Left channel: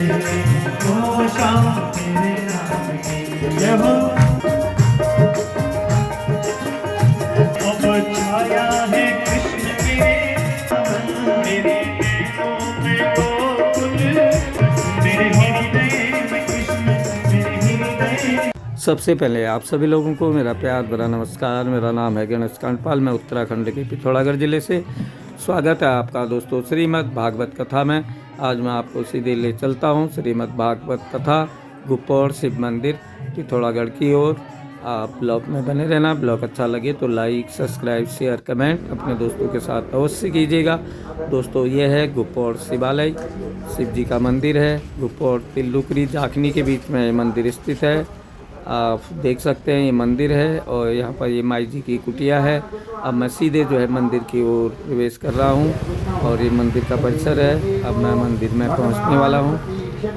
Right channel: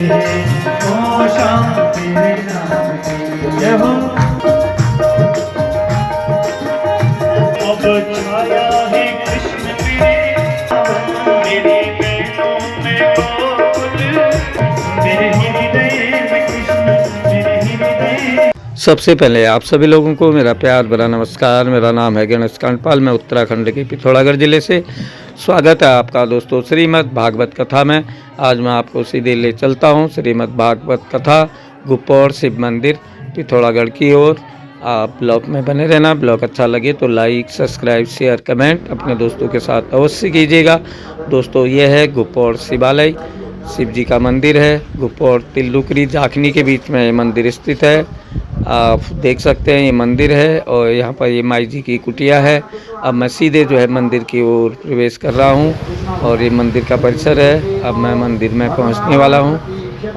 ओ शाम तेरे नाम की जय हो। अब छाया है कृष्ण मेरे नैनों में गोकुल, मेरे हृदय में कृष्ण, मेरे हृदय। सबसे पहले आप सभी लोगों को मेरा प्यार भरा नमस्कार। मेरा नाम है गणेश कांडपाल। मैं उत्तराखंड के पिथौरागढ़ ज़िले से। स्वागत है आपका दोस्तों श्रीमद् भागवत कथा में। आज मैं आपको सीधे ले चलता हूँ श्रीमद् भागवत कथा गुप्पौर शिव मंदिर पिथौरागढ़ की ओर। आप ब्लॉग में बने रहना। ब्लॉग अच्छा लगे तो लाइक सब्सक्राइब शेयर कमेंट अपने दोस्तों के साथ अवश्य कीजिएगा। दोस्तों ये है गुप्पौर शिवालय, शिव जी का मंदिर है। गुप्पौर तिल्लुकरी जाखनी के बीच में ये मंदिर स्थित है। आप देख सकते हैं ये मंदिर है और यहाँ पर ये माई जी की कुटिया है। अब मैं सीधे जो है मंदिर की ओर प्रवेश कर रहा हूँ और ये मंदिर का परिसर है। अब मैं मंदिर में पहुँचने वाला हूँ।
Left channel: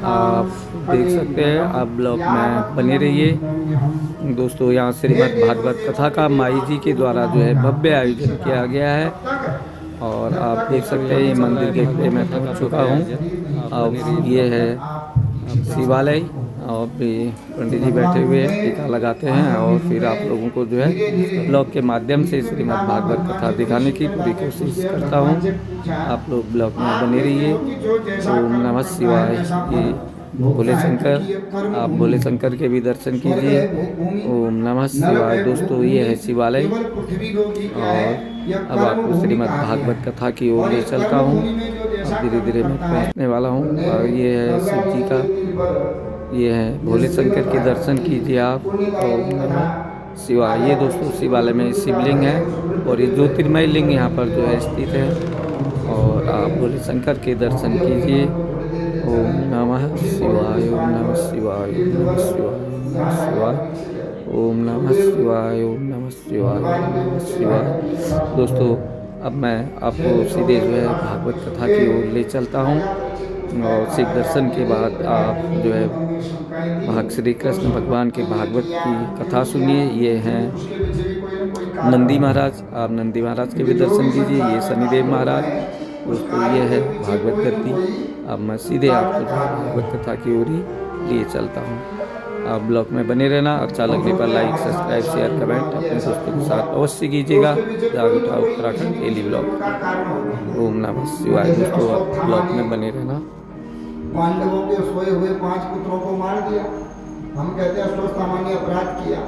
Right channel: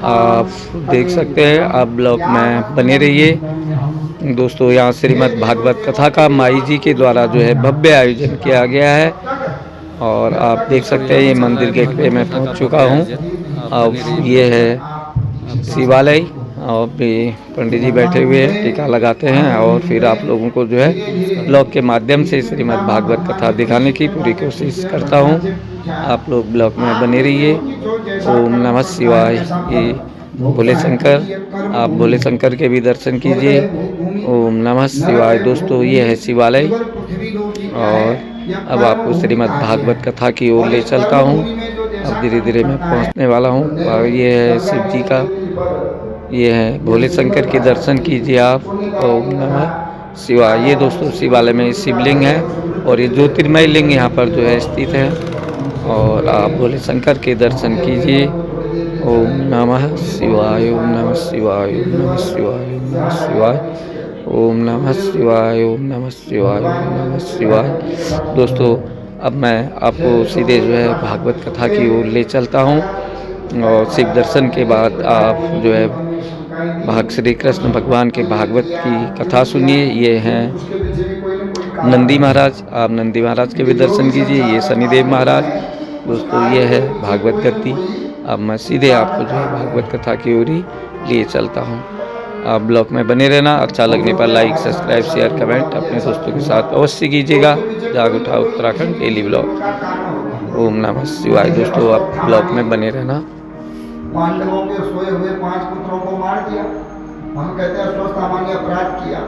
आप देख सकते हैं। आप ब्लॉग में बने रहिए। दोस्तों यहाँ श्रीमद् भागवत कथा का माई जी के द्वारा जो है भव्य आयोजन किया गया है और आप देख सकते हैं ये मंदिर गेट पे मैं पहुँच चुका हूँ। अब ये है शिवालय और भी पंडित जी बैठे हुए हैं, टीका लगाते हैं और फिर आप लोगों को जो है ब्लॉग के माध्यम से श्रीमद् भागवत कथा दिखाने की पूरी कोशिश करता हूँ। आप लोग ब्लॉग में बने रहिए। ओम नमः शिवाय। ये भोले शंकर, आप भोले शंकर के भी दर्शन कीजिए। ओम नमः शिवाय। दोस्तों ये है शिवालय और अब आपको श्रीमद् भागवत कथा की ओर ले चलता हूँ। अब धीरे धीरे मैं पहुँचने वाला हूँ और ये है शिव जी का, ये है भोले शंकर के दर्शन कीजिए आप। ओम नमः शिवाय। ये दोस्तों शिवालय में शिवलिंग है और ये ज्योतिर्मय लिंग यहाँ पर जो है स्थित है और आप भोले शंकर के दर्शन कीजिए। ओम नमः शिवाय। ओम नमः शिवाय। ओम नमः शिवाय। ओम नमः शिवाय। ओम नमः शिवाय। ओम नमः शिवाय। ओम नमः शिवाय। दोस्तों अब मैं आपको सीधे जो है भागवत कथा की ओर ले चलता हूँ और शिव दर्शन के बाद आप जो है श्री कृष्ण भगवान के भागवत की कथा सुनिए। ये हैं नंदी महाराज, आप नंदी महाराज के भी दर्शन कीजिए। ये शनिदेव महाराज। दोस्तों ये है भागवत गद्दी। अब मैं सीधे आपको जो है भागवत कथा की ओर ही लिए चलता हूँ। आप ब्लॉग में बने रहना। अच्छा लगने पर लाइक सब्सक्राइब शेयर कमेंट अपने दोस्तों के साथ अवश्य कीजिएगा। जाग उठा उत्तराखंड डेली ब्लॉग। ओम नमः शिवाय। दोस्तों आप ब्लॉग में बने रहना। पांडवों के सोए हुए 5 पुत्रों को मार दिया। हम कहते हैं अष्टो सामान्य अपराध किया।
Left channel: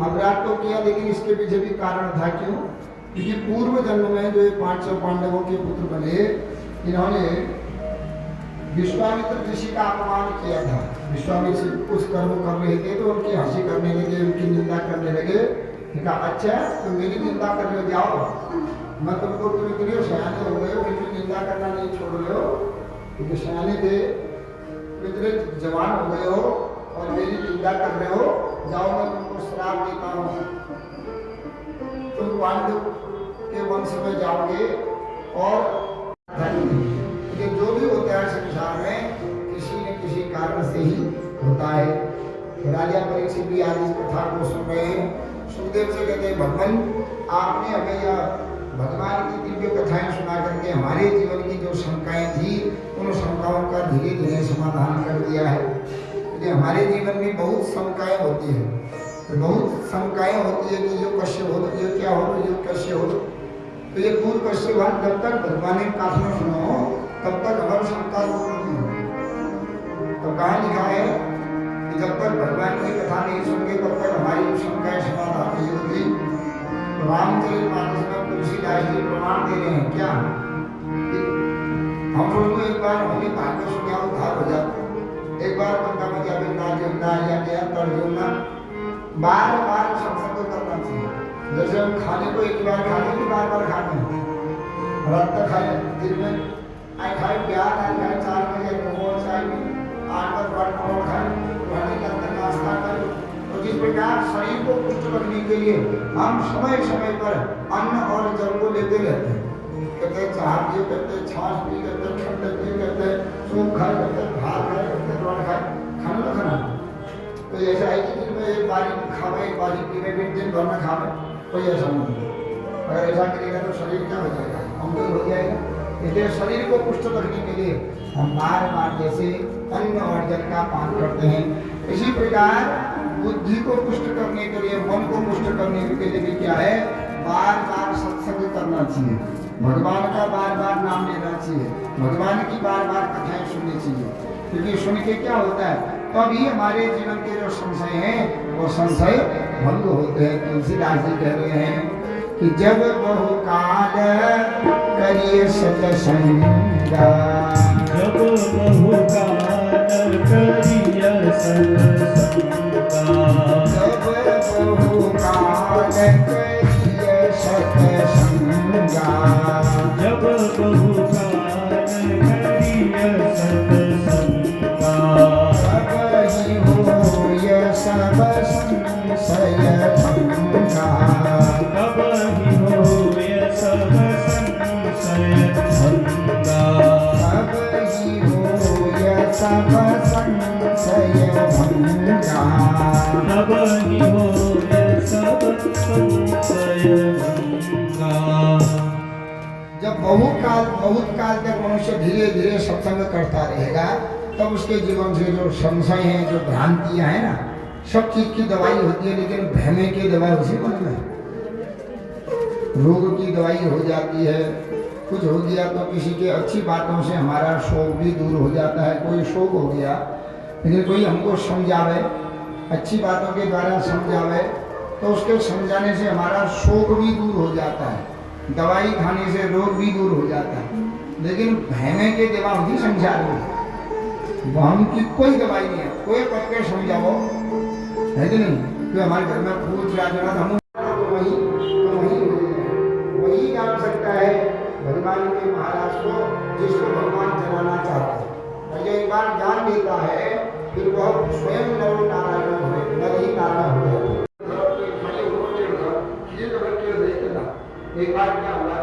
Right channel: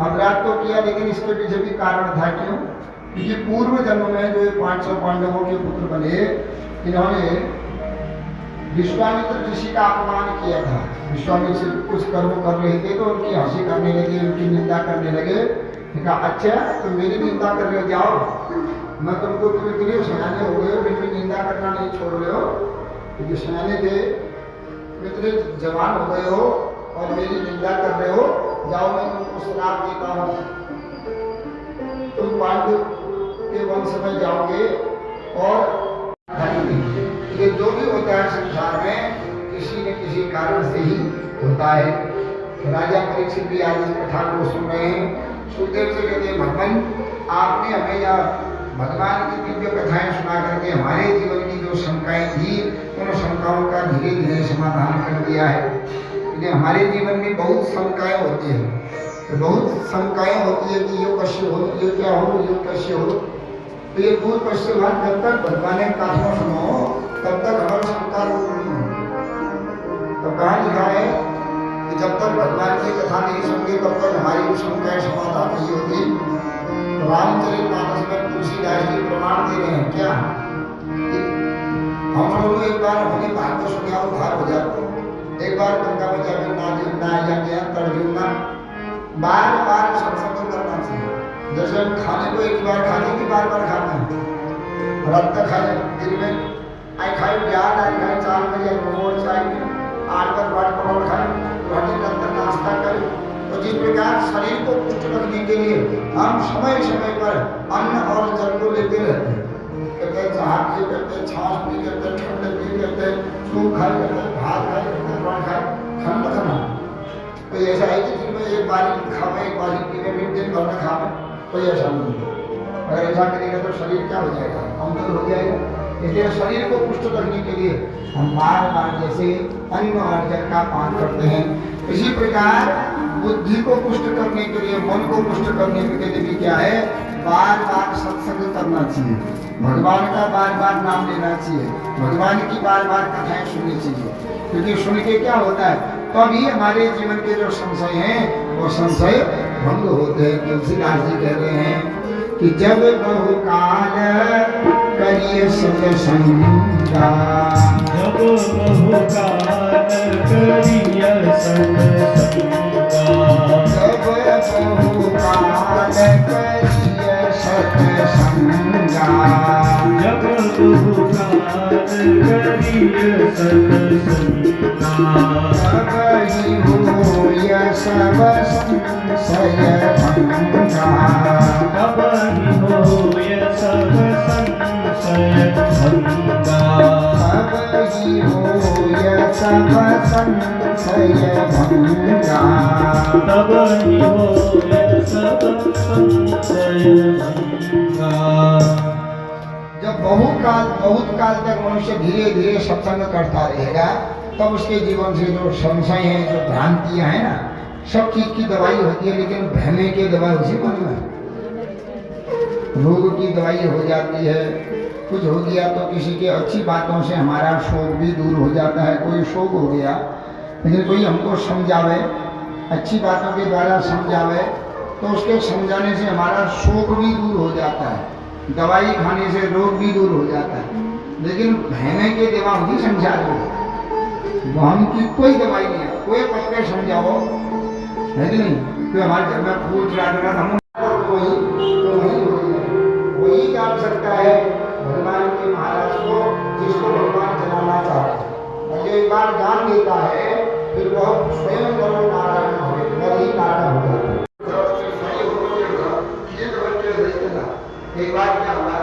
अपराध तो किया लेकिन इसके पीछे भी कारण था। क्यों? क्योंकि पूर्व जन्म में जो 500 पांडवों के पुत्र बने, इन्होंने विश्वामित्र ऋषि का अपमान किया था। विश्वामित्र कुछ कर्म कर रहे थे तो उनकी हंसी करने लगे, उनकी निंदा करने लगे। कहा अच्छा तो मेरी निंदा कर रहे हो, जाओ मैं तुमको, तुम इतने सयाने हो गए फिर भी निंदा करना नहीं छोड़ रहे हो। क्योंकि सयाने थे, इतने जवान हो गए हो और मेरी निंदा कर रहे हो, जाओ मैं तुमको श्राप देता हूँ। तुम पांडव के वंश में जाओगे और ये जो भी होता है संसार में किसी न किसी कारण से ही होता है। राजा परीक्षित भी आज इस कथा को सुन रहे हैं। सुखदेव से कहते हैं भगवान आपने हमें यह भगवान की दिव्य कथाएं सुना करके हमारे जीवन की जो शंकाएं थी उन शंकाओं का धीरे धीरे समाधान कर दिया है। क्योंकि हमारे जीवन में बहुत शंकाएं होती है, तो बहुत शंकाएं होती है कि ये कैसे हो, ये क्या हो, ये कैसे हो। तो ये दूर कैसे हुआ? जब तक भगवान ने कथा सुनो तब तक हमारी शंका दूर नहीं होगी। तो कहाँ लिखा है कि जब तक भगवान की कथा नहीं सुनगे तब तक हमारी शंकाएं समाधान नहीं होगी। रामचरितमानस में तुलसीदास जी प्रमाण दे रहे हैं क्या? हम लोग एक बार अपनी बात को सुना उद्धार हो जाओ। एक बार गंगा मैया में ना जुड़ना या ज्ञान पर जुड़ना, बार बार सत्संग करना चाहिए। जैसे हम खाने को एक बार खाने की बार बार खाते हैं। रात तक खाए दिन में आई खाए प्याज, आई खाए 4 बजे मोमोज खाए, 8-10 बार पकौड़ खाए, घंटे तक नाश्ता करें। तो जिस प्रकार शरीर को पुष्ट रखने के लिए हम समय समय पर अन्न और जल को लेते रहते हैं। कहते हैं चाह पिए, कहते हैं छाछ पी, कहते हैं ठंड पी, कहते हैं सूप खाए, कहते हैं भात खाए, कहते हैं रोट खाए, खंड खाना। तो ऐसा है कि दिन में एक बार खावे, एक बार पीने में, दिन भर में खावे, कोई ऐसा नहीं। अगर ऐसा करेगा तो शरीर क्या हो जाएगा? कमजोर हो जाएगा। इसलिए शरीर को पुष्ट रखने के लिए हम बार बार जैसे अन्न और जल का पान करते हैं। इसी प्रकार बुद्धि को पुष्ट करने के लिए, मन को पुष्ट करने के लिए भी क्या है, बार बार सत्संग करना चाहिए, भगवान का बार बार नाम लेना चाहिए, भगवान की बार बार कथाएं सुननी चाहिए। क्योंकि सुन के क्या होता है, तभी हमारे जीवन के जो संशय हैं वो संशय भंग होते हैं। तुलसीदास जी कह रहे हैं कि जब बहुकाल करिए सत्संगा, जब बहुकाल करिय सत्संगा, जब बहुकाल करिय सत्संगा, जब बहुकाल करिय सत्संगा, तब ही होय सब संशय भंगा, तब ही होय सब संशय भंगा, तब ही होय सब संशय भंगा। तब ही होय सब संशय भंगा। जब बहुत काल तक मनुष्य धीरे धीरे सत्संग करता रहेगा, तब उसके जीवन से जो संशय है, जो भ्रांतियां हैं ना, सब चीज की दवाई होती है, लेकिन भ्रमे की दवाई उसी मन में। रोग की दवाई हो जाती है, कुछ हो गया तो किसी के अच्छी बातों से हमारा शोक भी दूर हो जाता है। कोई शोक हो गया, लेकिन कोई हमको समझावे, अच्छी बातों के द्वारा समझावे, तो उसके समझाने से हमारा शोक भी दूर हो जाता है, दवाई खाने से रोग भी दूर हो जाता है। लेकिन भयने के दवा होगी संसार में, हम की कोई दवाई नहीं है। कोई पकड़े समझाओ, है कि नहीं? कोई हमारे घर में पूछ रहा है, हम वही जान सकता है भगवान के महाराज को, जिसको भगवान चलाना चाहता है। और जो एक बार जान लेता है, फिर वह स्वयं करो नारायण हो, ही नारायण हो। एक बार क्या हुआ,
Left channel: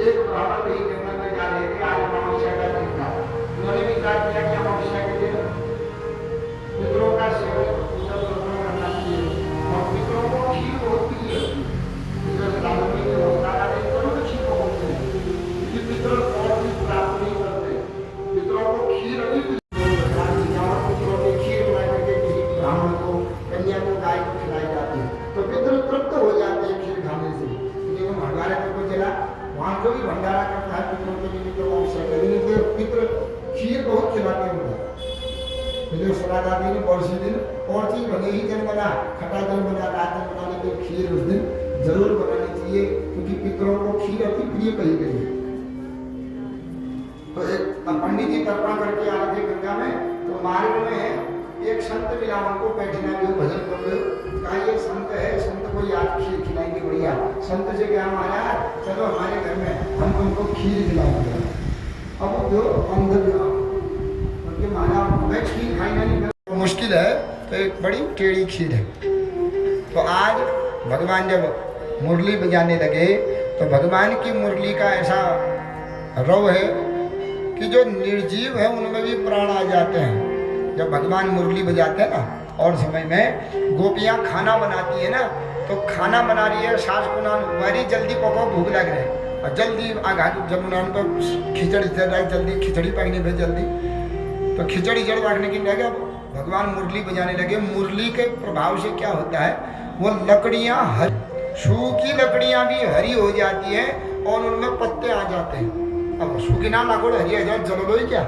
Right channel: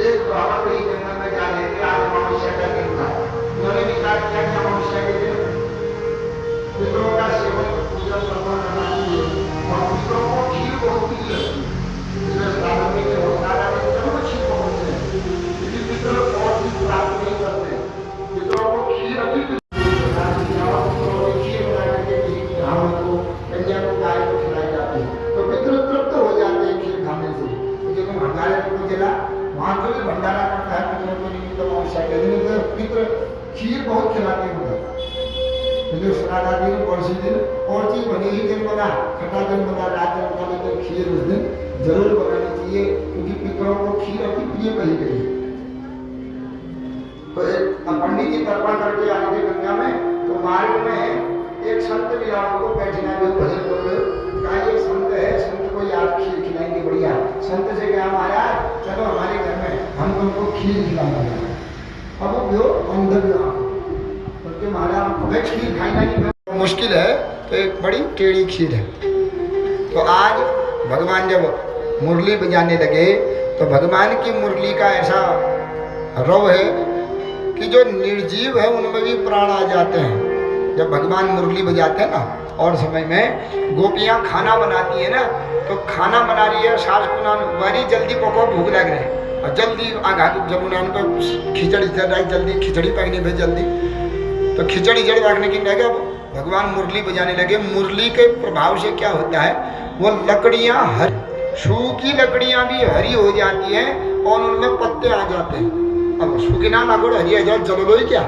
एक ब्राह्मण कहीं जंगल में जा रहे थे, आज अमावस्या का दिन था। उन्होंने विचार किया कि अमावस्या के दिन पितरों का सेवन पूजा श्रवण करना चाहिए, और पितरों को खीर बहुत प्रिय लगती है। इसलिए साधन में होता है चलो खीर को बोलते हैं, क्योंकि पितर और चीज प्राप्त नहीं करते, पितरों को खीर अधिक खीर बना करके किसी ब्राह्मण को, कन्या को, गाय को खिलाई जाती है, तो पितर तृप्त हो जाते हैं खीर खाने से। लेकिन भंडारे को चला, वहाँ जो भी भंडारा करता है पितरों के निमित्त अमावस्या के दिन, पितर खीर बहुत खिलाते हैं। सनादा दिन, पड़ोसी दिन, और चीज बने ही दिन बना, खटा दिन बना, रात दिन बना, लेकिन खीर उस दिन जरूर बनानी चाहिए, क्योंकि पितरों को खीर अति प्रिय कही गई। तो एक पंडित जी तर्पण करके आ रहे थे गंगा में, तो मार्ग में एक संत मिला, उनको बैठना भी भजन कर रहे हो, कहा ये संत है, संत को आज खीर खिलाएंगे बढ़िया। संत से क्या महाराज, चलो हमारे घर में, हम तुमको खीर खिलाएंगे। अब जो अंधव्यवहार, महाराज हमें खीर खाना नहीं मुश्किल है, तो एक बड़ी टेढ़ी खीर है। तो आज भगवान जब मुरली बजाने लगे, तो भगवान की मुरली का ऐसा रव है कि जो निर्जीव है उनमें भी प्राण आ जाते हैं। जब भगवान मुरली बजाते हैं ना, और समय में गोपियाँ खाना बनाती है ना, तो खाना बना रही है, सास को बड़ी जल्दी पको, भूख लग रही है, और जल्दी आघा जब उन्होंने खिचड़ी चल रहा है, जल्दी खिचड़ी पकनी भाई जल्दी, तो खिचड़ी जड़ रखने की लगे, भगवान मुरली बजाने लगे। मुरली के प्रभाव से क्या होता है, वो लकड़ियाँ सूखी लकड़ियाँ भी हरी हो जाती हैं, और उनमें पत्ते आ जाते हैं। अब सूखी ना लगो हरी हजार जल लो ही क्या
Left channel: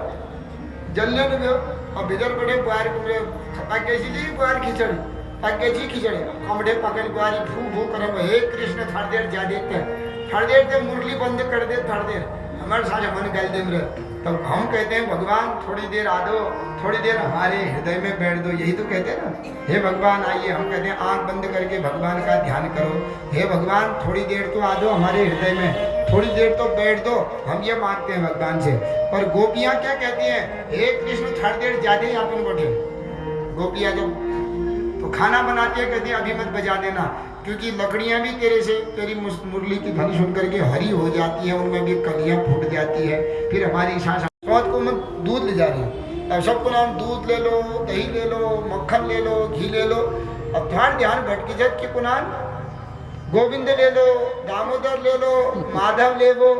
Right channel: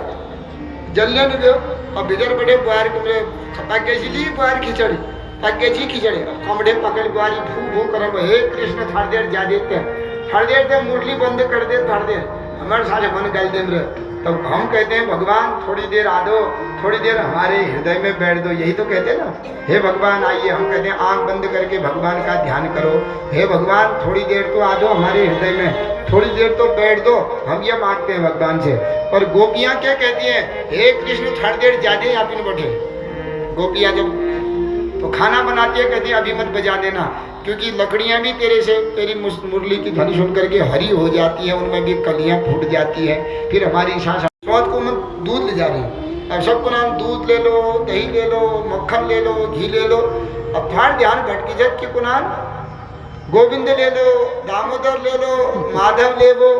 जलने दो, और बिजर बड़े बुआर पक गई ली बुआर खिचड़ी, पक गई खिचड़ी, कमड़े पकड़ बुआरी फू फू करे, हे कृष्ण थोड़ी देर जा देते हैं, थोड़ी देर से मुरली बंद कर दे, थोड़ी देर हमारे सारे मन गल दे रहे। तो हम कहते हैं भगवान थोड़ी देर आ दो, थोड़ी देर हमारे हृदय में बैठ दो, यही तो कहते हैं ना, हे भगवान आइए। हम कहते हैं आंख बंद करके भगवान का ध्यान करो, हे भगवान थोड़ी देर तो आ दो हमारे हृदय में, थोड़ी देर तो बैठ दो, हम ये मांगते हैं भगवान से। और गोपियाँ क्या कहती हैं, हे कृष्ण थोड़ी देर ज्यादा आप इन बैठे। गोपियाँ जब तो खाना बनाती है, कहती है अभी मत बजा देना, क्योंकि लकड़ियाँ भी तेरे से, तेरी मुरली की ध्वनि सुन करके हरी हो जाती है, उनमें भी कलियाँ फूट जाती है, फिर हमारी सांस। बहुत को मैं दूध ले जा रही हूँ, अब सबको नाम दूध ले लो, दही ले लो, मक्खन ले लो, घी ले लो। अब ध्यान ध्यान भटकी जब कि कुनान गोविंद ले लो, दामोदर ले लो, माधव ले लो,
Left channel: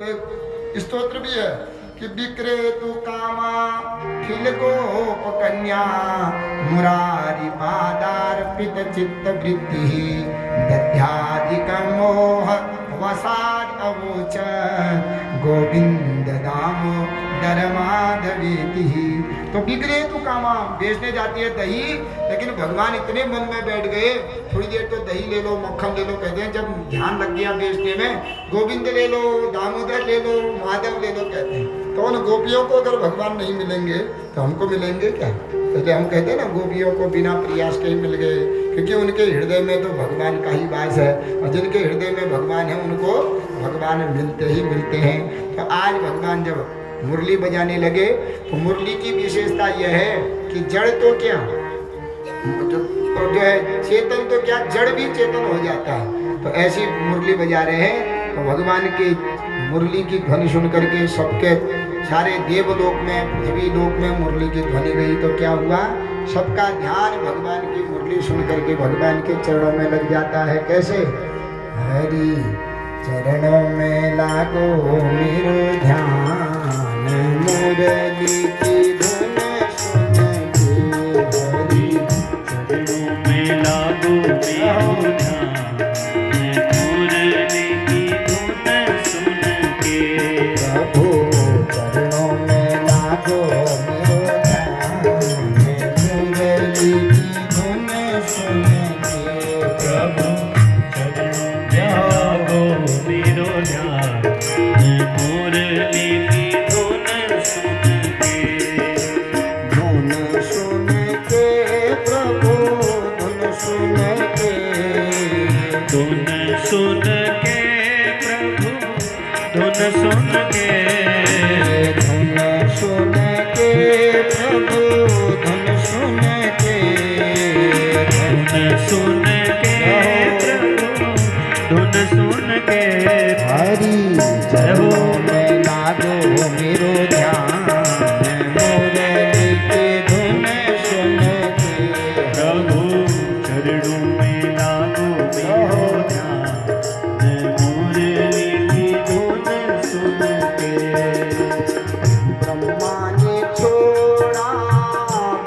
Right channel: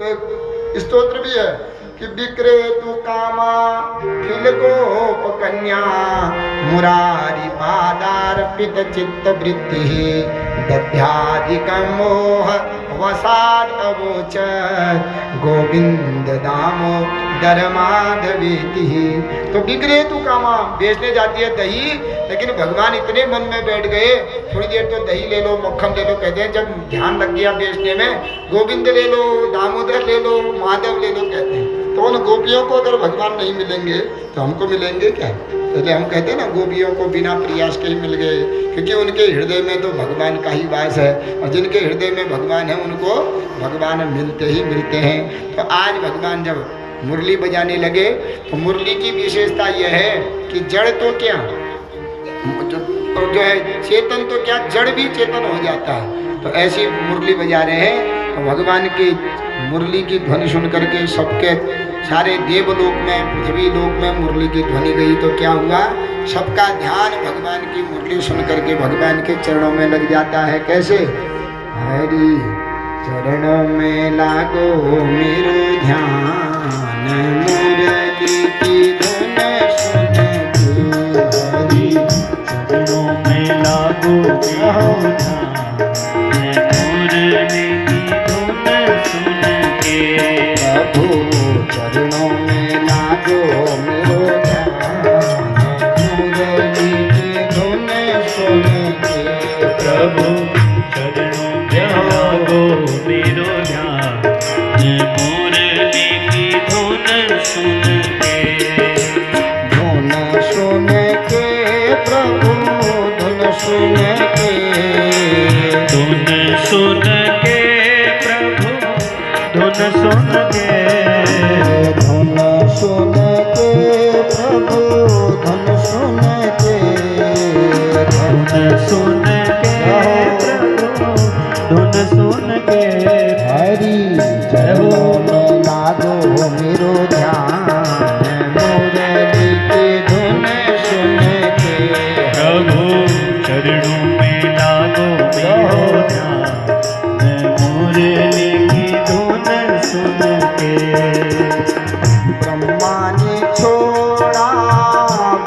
तो स्तोत्र भी है, कि विक्रेतु कामा खिल गोप कन्या मुरारी पादार्पित चित्त वृत्ति दध्याधिक मोह वसाद अवोच गोविंद दामो धर्माधवेति। तो विक्रेतु कामा बेचने जाती है दही, लेकिन भगवान इतने मन में बैठ गए, थोड़ी देर तो दही ले लो, मक्खन ले लो कहते हैं, जब ध्यान लग गया बेचने में, गोविंद ले लो, दामोदर ले लो, माधव ले लो कहते हैं। तो उन गोपियों को अगर भगवान नहीं मिलेंगे तो हमको मिलेंगे क्या? इसलिए हम कहते हैं ना, गोपियों को बिना प्रयास के ही मिल गए, क्योंकि उनके हृदय में तो भगवान का ही वास है, और जिनके हृदय में भगवान है उनको भगवान मिलते ही मिलते हैं। तो आज भगवान जब मुरली बजाने लगे तो मुरली की विशेषता यह है कि जड़ तो क्या, जो है चेतन तो क्या, जड़ भी चेतन हो जाता है। तो ऐसी मुरली बजा रहे हैं, तो भगवान की मुरली की ध्वनि सुन करके सबके सारे देवलोक में, पृथ्वी लोक में मुरली की ध्वनि गई, तो क्या हुआ, सबका ध्यान भगवान की मुरली सुन करके भगवान के चरणों में लग जाता है। कैसे? हरि चरणों में लागो मेरो ध्यान, मुरली की धुन सुन के, हरि चरणों में लागो मेरो ध्यान, मुरली की धुन सुन के। प्रभु चरणों में लागो मेरो ध्यान, मुरली की धुन सुन के। प्रभु चरणों में लागो मेरो ध्यान, मुरली की धुन सुन के। धुन सुन के प्रभु धुन सुन के, धुन सुन के प्रभु धुन सुन के। धुन सुन के प्रभु धुन सुन के, धुन सुन के प्रभु धुन सुन के। हरि चरणों में लागो मेरो ध्यान, मुरली की धुन सुन के। प्रभु चरणों में लागो मेरो ध्यान, मुरली की धुन सुन के। ब्रह्मा ने छोड़ा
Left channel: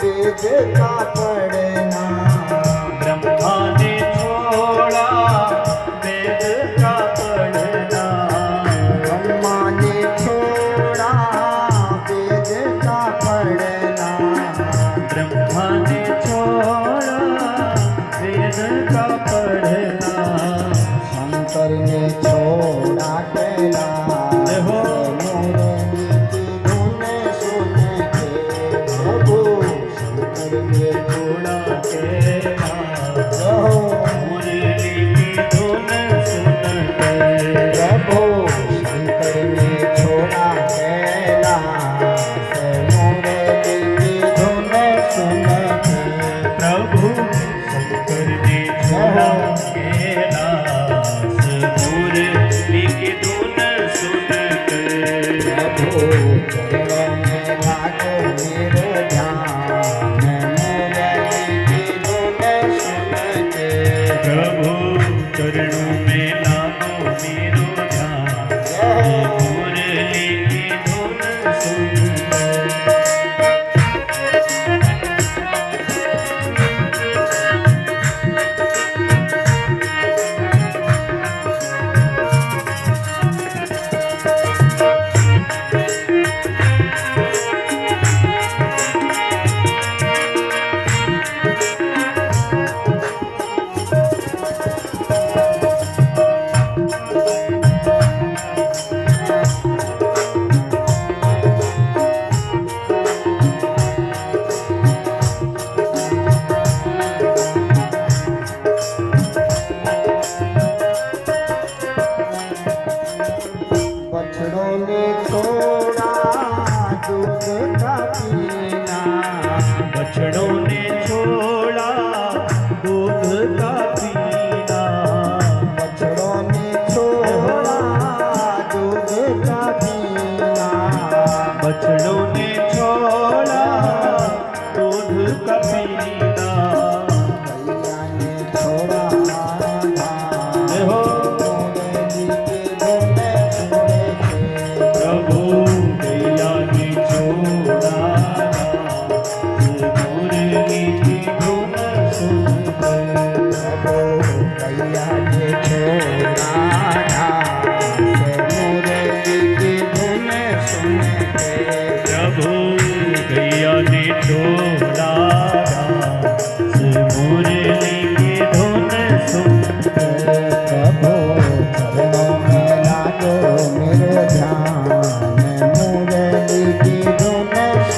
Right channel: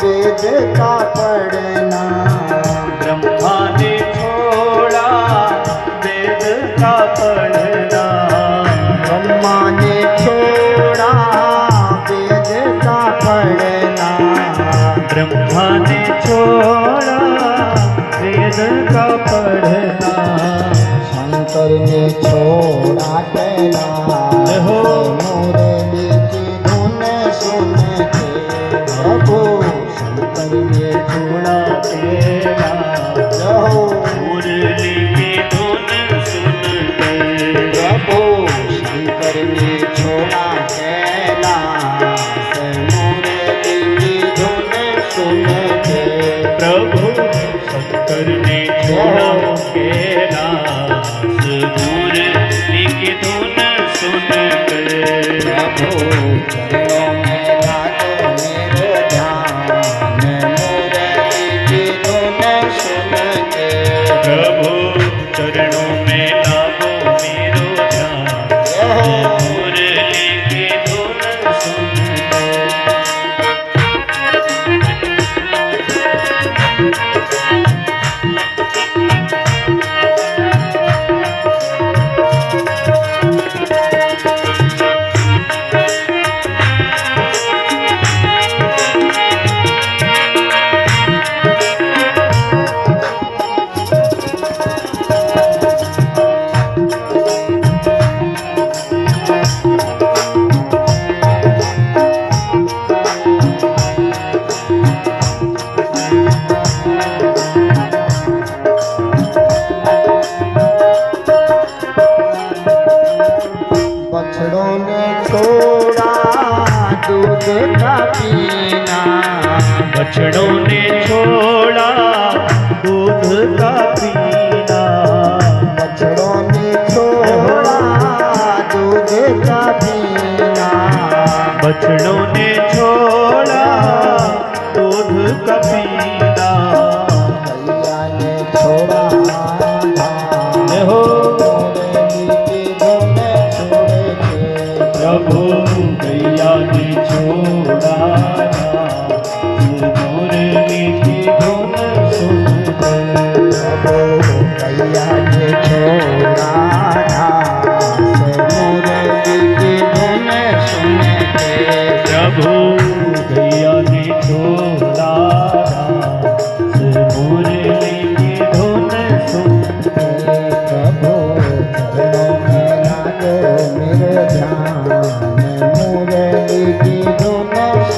वेद का पढ़ना, ब्रह्मा ने छोड़ा वेद का पढ़ना। ब्रह्मा ने छोड़ा वेद का पढ़ना, ब्रह्मा ने छोड़ा वेद का पढ़ना। शंकर ने छोड़ा कैलाश, हो मुरली की धुन सुन के। प्रभु शंकर ने छोड़ा कैलाश, हो, मुरली की धुन सुन के। प्रभु शंकर ने छोड़ा कैलाश, मुरली की धुन सुन के। प्रभु शंकर ने छोड़ा कैलाश, मुरली की धुन सुन के। प्रभु चरणों में लागो मेरो ध्यान, मुरली की धुन सुन के। प्रभु चरणों में लागो मेरो ध्यान, मुरली की धुन सुन के। बछड़ों ने छोड़ा दूध का पीना, बछड़ों ने छोड़ा दूध का पीना। बछड़ों ने छोड़ा दूध का पीना, बछड़ों ने छोड़ा दूध का पीना। गैया ने छोड़ा धान, हो मुरली की धुन सुन के। प्रभु गैया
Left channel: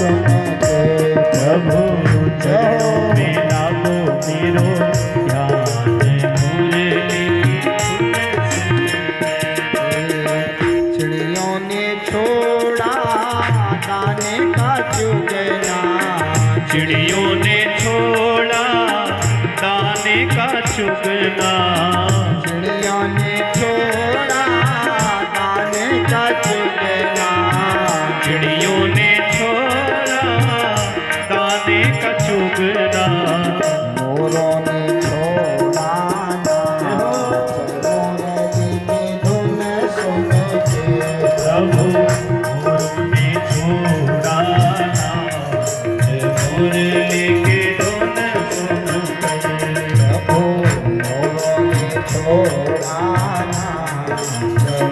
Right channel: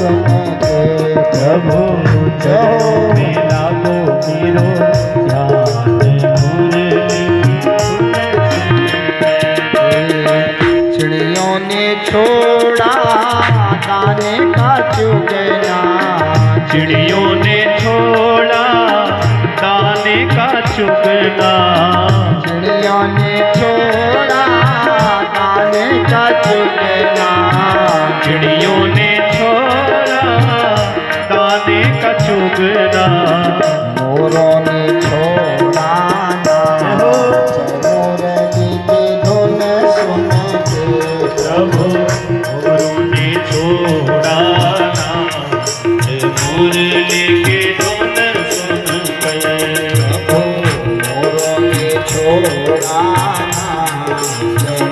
सुन के प्रभु चरणों में लागो मेरो ध्यान मुरली चिड़ियों ने छोड़ा दाने का चुगना चिड़ियों ने छोड़ा दाने का चुगना चिड़ियों ने छोड़ा दाने का चुगना चिड़ियों ने छोड़ा दाने का चुगना मोरों ने छोड़ा मुरली की धुन सुन के प्रभु गुरु ने छोड़ा मुरली की धुन सुन के प्रभु मोरों ने छोड़ा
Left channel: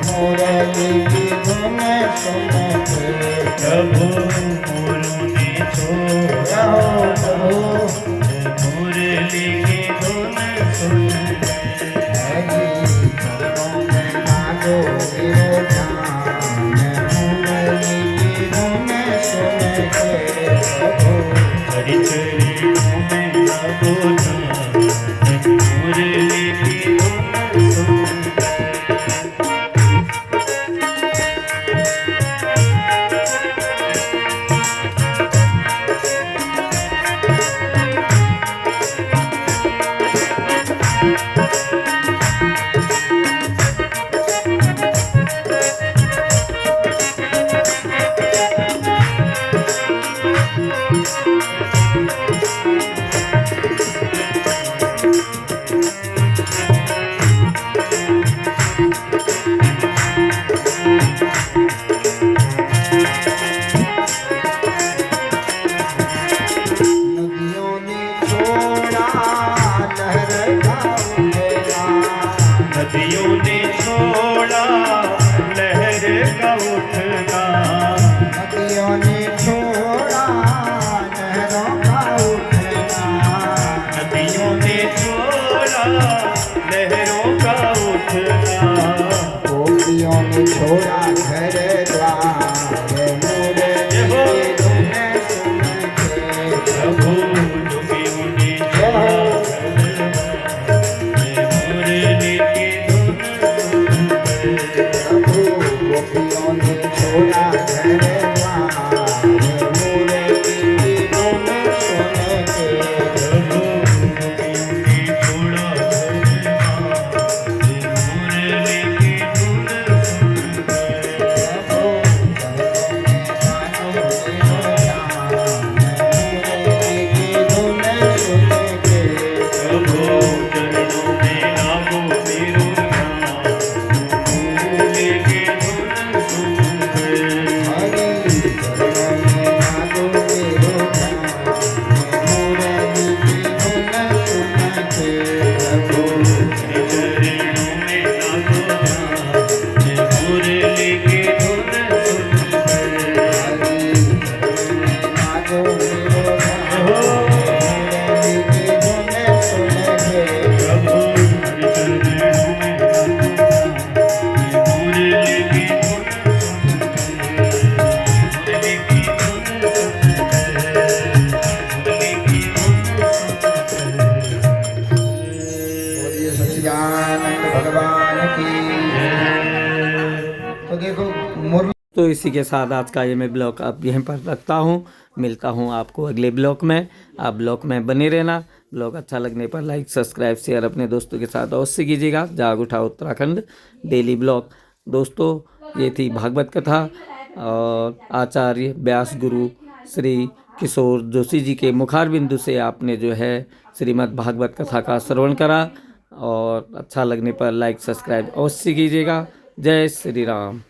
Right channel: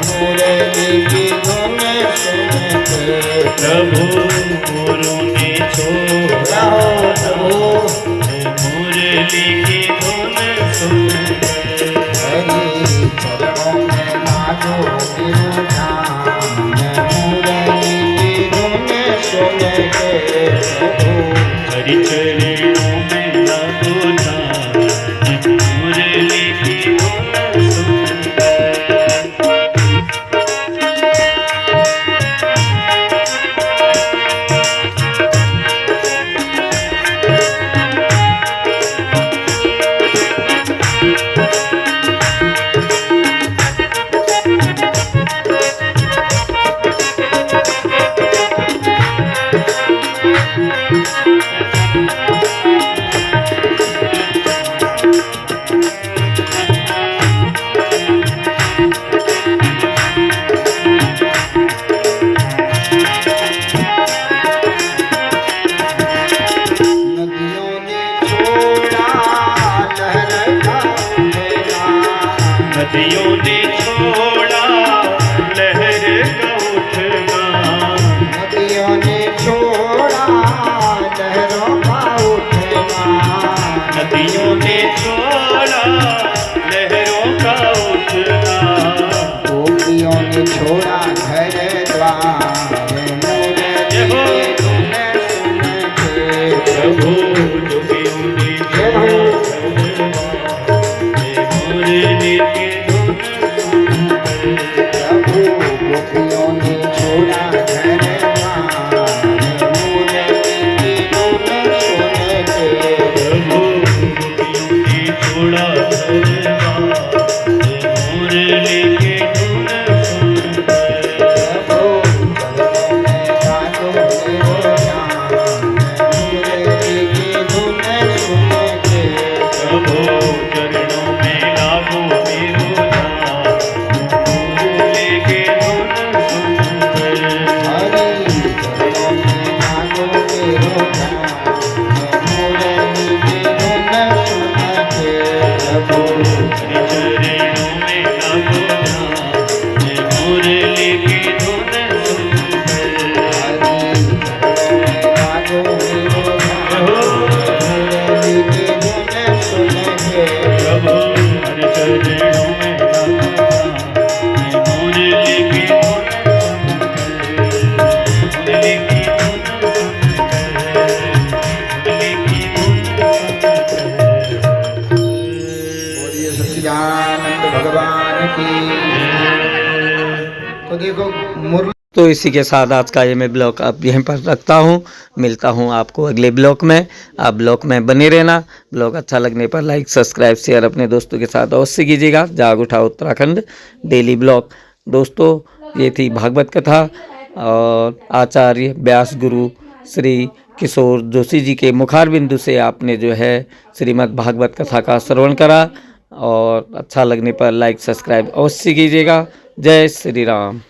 मुरली की धुन सुन के प्रभु गुरु ने छोड़ा मुरली की धुन सुन के हरि चरणों में मांगो विरोधान मुरली की धुन सुन के प्रभु हरि चरणों में लगो जान मुरली की धुन सुन के नदियों ने छोड़ा लहर का उठेगा नदियों ने छोड़ा लहर का उठना नदियों ने छोड़ा लहरों का उठेगा नदियों ने छोड़ा लहरों का उठना गोपियों ने छोड़ा घर द्वार मुरली की धुन सुन के प्रभु जोगियों ने छोड़ा मुरली की धुन सुन के प्रभु गोपियों ने छोड़ा घर द्वार मुरली की धुन सुन के प्रभु गोपियों ने छोड़ा मुरली की धुन सुन के प्रभु चरणों में लागो मेरो ध्यान मुरली की धुन सुन के चरणों में लागो जान मुरली की धुन सुन के प्रभु हर चरणों में मुरली की धुन सुन के मुरली की धुन सुन के मुरली की धुन सुन बोलिए सच्चिदानंद भगवान की। तो देखो मुरली तो इसी के साथ आज का ये मैं ब्लॉग अब यहीं पर रखता हूँ। मिलता हूँ आपको अगले ब्लॉग में। आप ब्लॉग में बने रहना। ब्लॉग अच्छा लगने पर लाइक सब्सक्राइब शेयर अपने दोस्तों के साथ अवश्य कीजिएगा। जाग उठा उत्तराखंड डेली ब्लॉग। दोस्तों ये थी भागवत कथा और आचार्य व्यास गुरु श्री किशोर जोशी जी के मुखारबिंदु से आपने जो है श्रीमद् भागवत कथा का श्रवण करा। और अच्छा लगने पर लाइक सब्सक्राइब अवश्य कीजिएगा। जय श्री राम।